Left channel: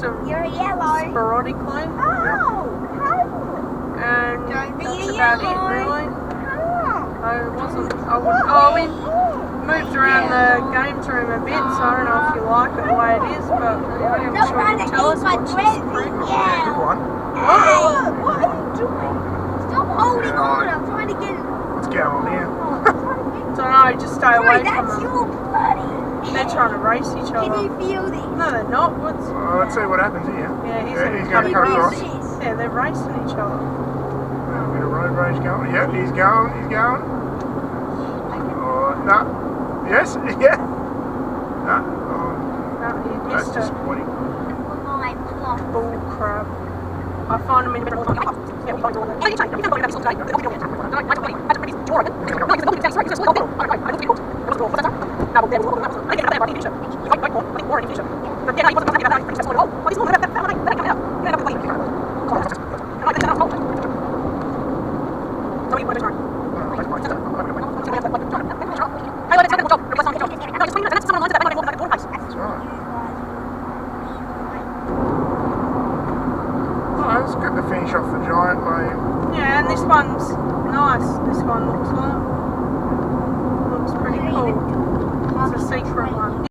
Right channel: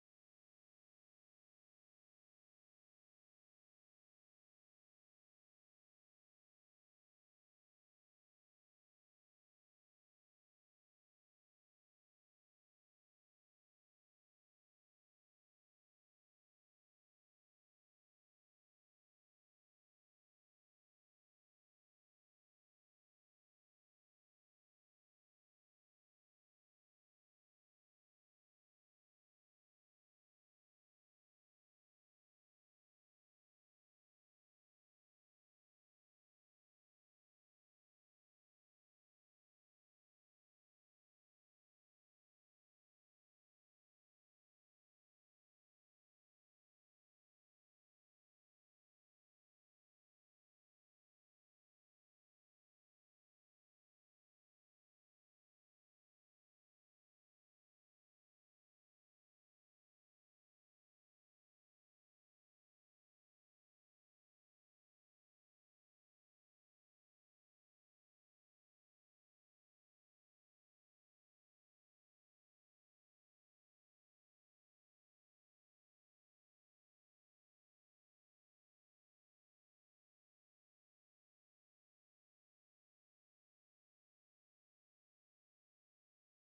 just them yellow. sporadically. Oh, And that's about it, really. We moved around the games room a bit, so I don't know if you like it the way it is, but I'm sure you'll tell us what she's Good one. Hey, what are you doing? Stop holding on, I'm trying to get it. What's going on here? Don't know, just stay away from That's them. your bloody. They're trying to race each Can other. you feel this? No, they're not. What's... Let's see what happens here. Yeah, he's he's going going to to cut cut across. Yeah, they're racing each other. A bit of road rage going. Yep, he's going. Oh, no. Yes, yeah. No. No, he That's missed it. disappointing. Bull crap. I find him in the middle of the It's good to finish off the giant lane. Yeah, and this one's nice. This one looks pretty cool. It's a secret one.